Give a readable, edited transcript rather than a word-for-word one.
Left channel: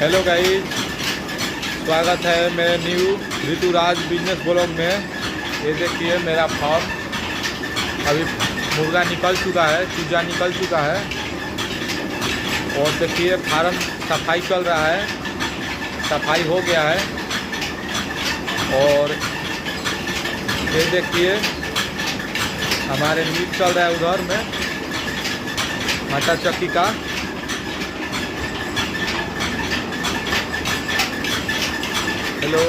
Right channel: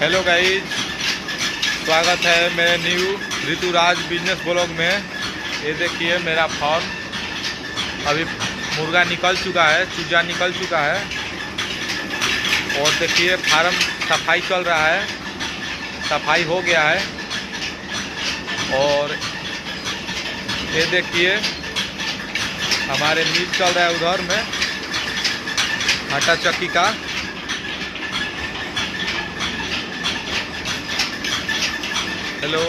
Hello guys, स्वागत है मेरे न्यू ऋतुराज बिजनेस ब्लॉग में। ये देखिए मेरा फार्म, अभी मुर्गा निकल चुका है, चूजा निकल चुका है। और देखिए फार्म सफाई चल रहा है, सफाई हो गया है। और ये देखिए हमारे मीट चल रहा है उधर में, आटा चक्की का। हेलो।